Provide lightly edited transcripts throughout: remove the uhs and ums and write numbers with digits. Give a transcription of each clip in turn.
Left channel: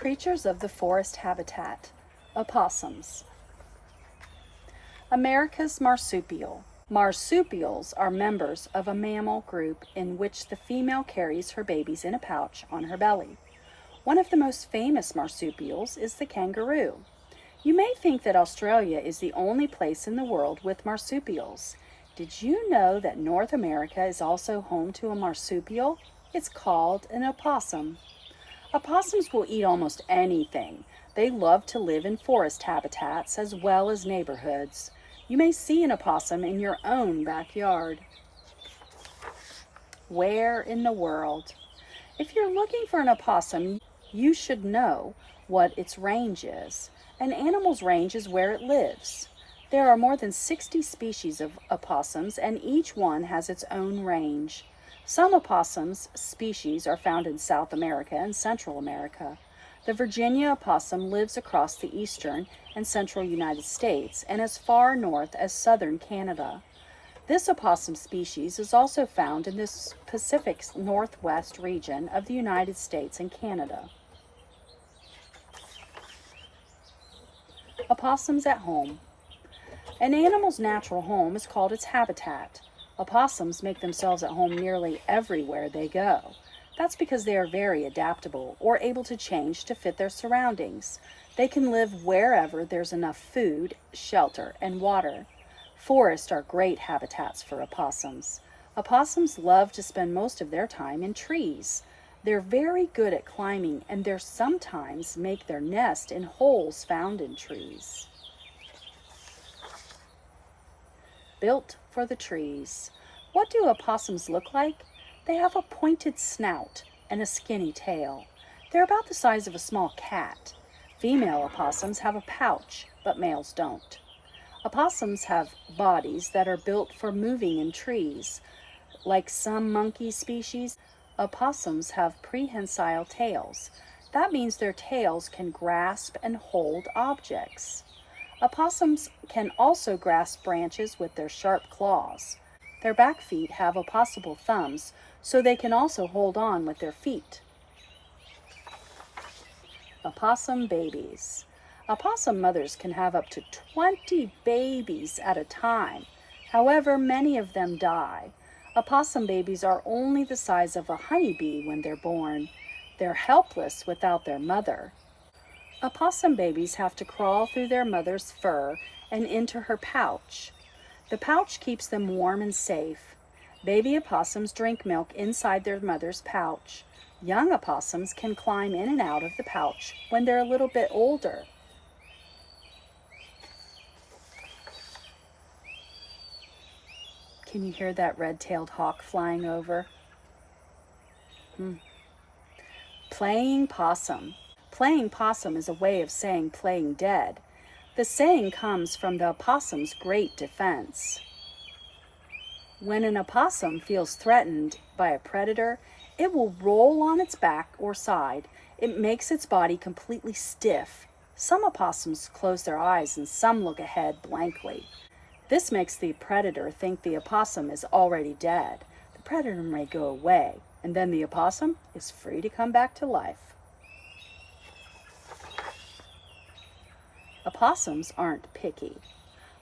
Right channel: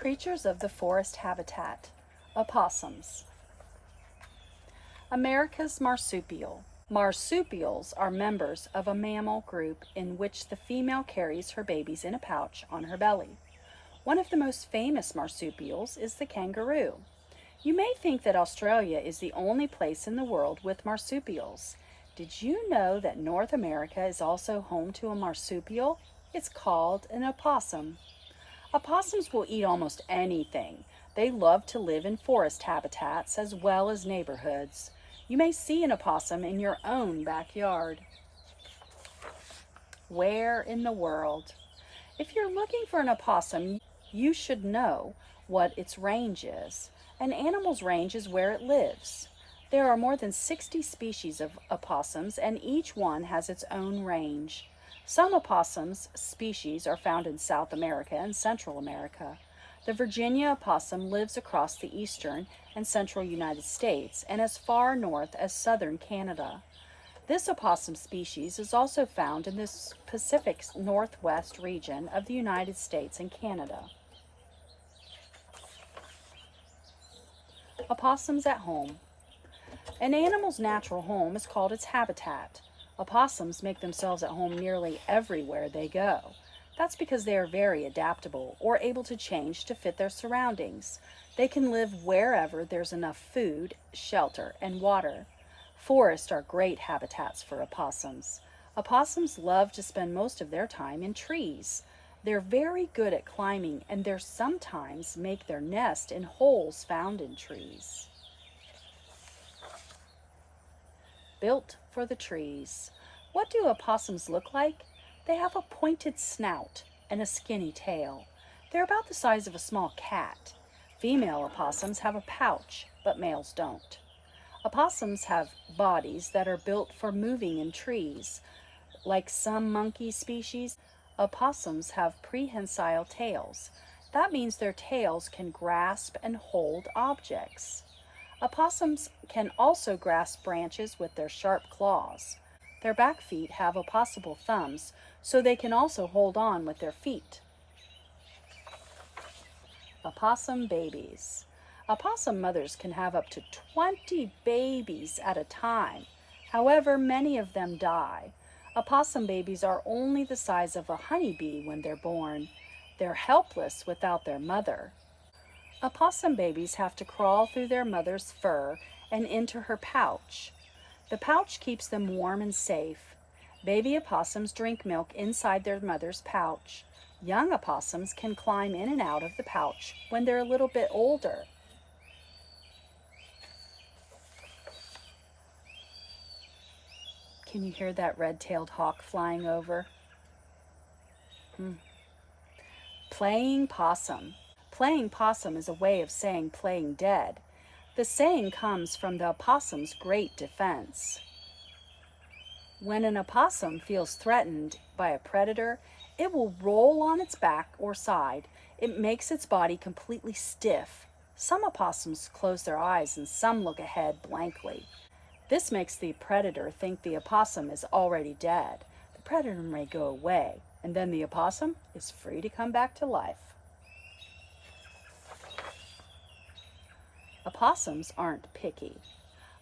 Creatures of the forest habitat, opossums. America's marsupial. Marsupials are members of a mammal group in which the female carries her babies in a pouch on her belly. One of the most famous marsupials is the kangaroo. You may think that Australia is the only place in the world with marsupials. Did you know that North America is also home to a marsupial? It's called an opossum. Opossums will eat almost anything. They love to live in forest habitats as well as neighborhoods. You may see an opossum in your own backyard. Where in the world? If you're looking for an opossum, you should know what its range is. An animal's range is where it lives. There are more than 60 species of opossums, and each one has its own range. Some opossums species are found in South America and Central America. The Virginia opossum lives across the eastern and central United States and as far north as southern Canada. This opossum species is also found in the Pacific Northwest region of the United States and Canada. Opossums at home. An animal's natural home is called its habitat. Opossums make themselves at home nearly everywhere they go. That's because they are very adaptable or able to change to fit their surroundings. They can live wherever there's enough food, shelter, and water. Forests are great habitats for opossums. Opossums love to spend most of their time in trees. They're very good at climbing, and they sometimes make their nest in holes found in trees. Built for the trees. What do opossums look like? They have a pointed snout and a skinny tail. They're about the size of a small cat. Female opossums have a pouch, but males don't. Opossums have bodies that are built for moving in trees. Like some monkey species, opossums have prehensile tails. That means their tails can grasp and hold objects. Opossums can also grasp branches with their sharp claws. Their back feet have opposable thumbs, so they can also hold on with their feet. Opossum babies. Opossum mothers can have up to 20 babies at a time. However, many of them die. Opossum babies are only the size of a honeybee when they're born. They're helpless without their mother. Opossum babies have to crawl through their mother's fur and into her pouch. The pouch keeps them warm and safe. Baby opossums drink milk inside their mother's pouch. Young opossums can climb in and out of the pouch when they're a little bit older. Can you hear that red-tailed hawk flying over? Playing possum. Playing possum is a way of saying playing dead. The saying comes from the opossum's great defense. When an opossum feels threatened by a predator, it will roll on its back or side. It makes its body completely stiff. Some opossums close their eyes and some look ahead blankly. This makes the predator think the opossum is already dead. The predator may go away, and then the opossum is free to come back to life. Opossums aren't picky.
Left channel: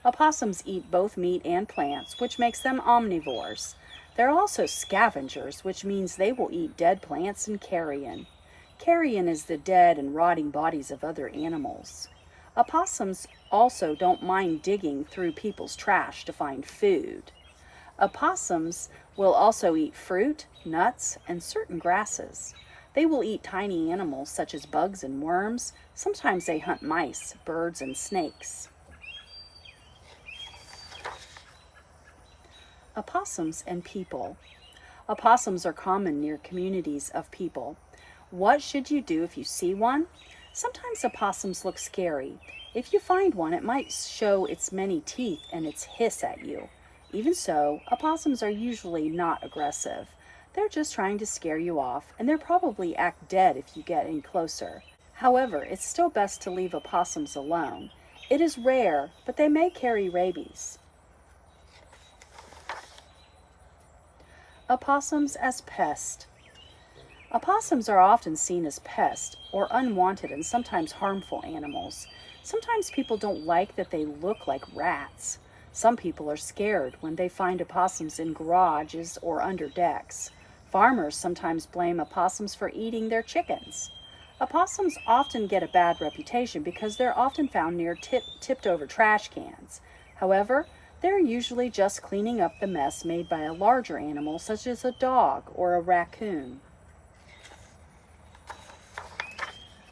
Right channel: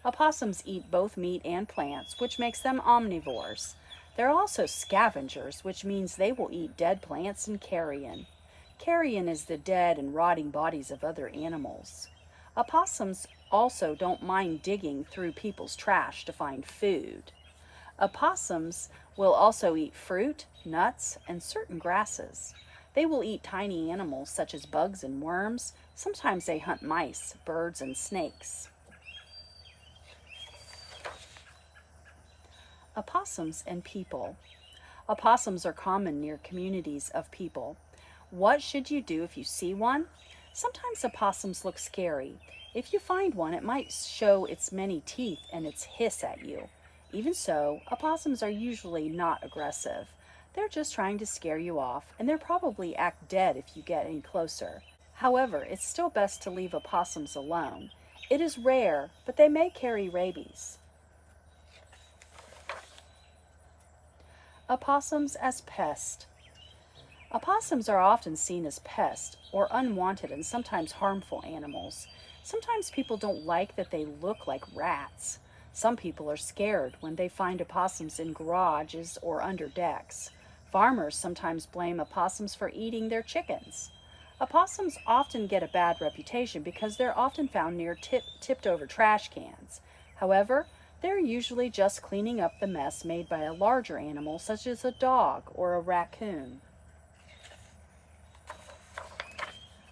Opossums eat both meat and plants, which makes them omnivores. They're also scavengers, which means they will eat dead plants and carrion. Carrion is the dead and rotting bodies of other animals. Opossums also don't mind digging through people's trash to find food. Opossums will also eat fruit, nuts, and certain grasses. They will eat tiny animals such as bugs and worms. Sometimes they hunt mice, birds, and snakes. Opossums and people. Opossums are common near communities of people. What should you do if you see one? Sometimes opossums look scary. If you find one, it might show its many teeth and its hiss at you. Even so, opossums are usually not aggressive. They're just trying to scare you off, and they'll probably act dead if you get any closer. However, it's still best to leave opossums alone. It is rare, but they may carry rabies. Opossums as pests. Opossums are often seen as pests or unwanted and sometimes harmful animals. Sometimes people don't like that they look like rats. Some people are scared when they find opossums in garages or under decks. Farmers sometimes blame opossums for eating their chickens. Opossums often get a bad reputation because they're often found near tipped over trash cans. However, they're usually just cleaning up the mess made by a larger animal such as a dog or a raccoon.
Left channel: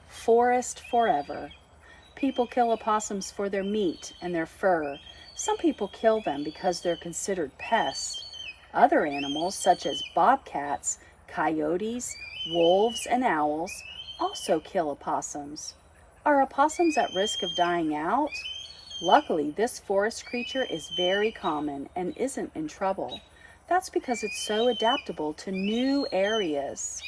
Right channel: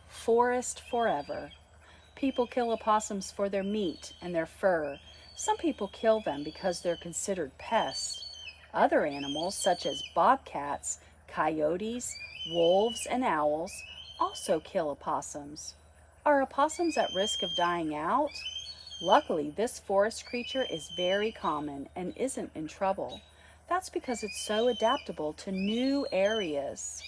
Forest forever. People kill opossums for their meat and their fur. Some people kill them because they're considered pests. Other animals, such as bobcats, coyotes, wolves, and owls, also kill opossums. Are opossums at risk of dying out? Luckily, this forest creature is very common and isn't in trouble. That's because it's so adaptable to new areas.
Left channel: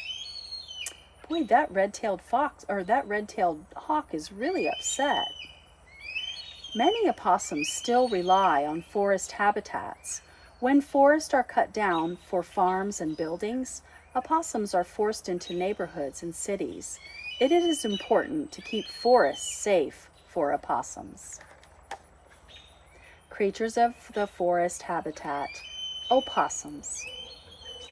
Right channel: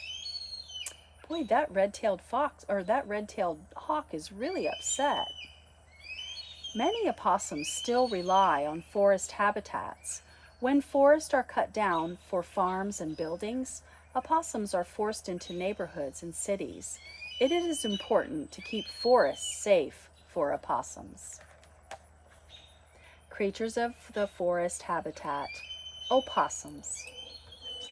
Boy, that red-tailed hawk is really upset. Many opossums still rely on forest habitats. When forests are cut down for farms and buildings, opossums are forced into neighborhoods and cities. It is important to keep forests safe for opossums. Creatures of the forest habitat, opossums.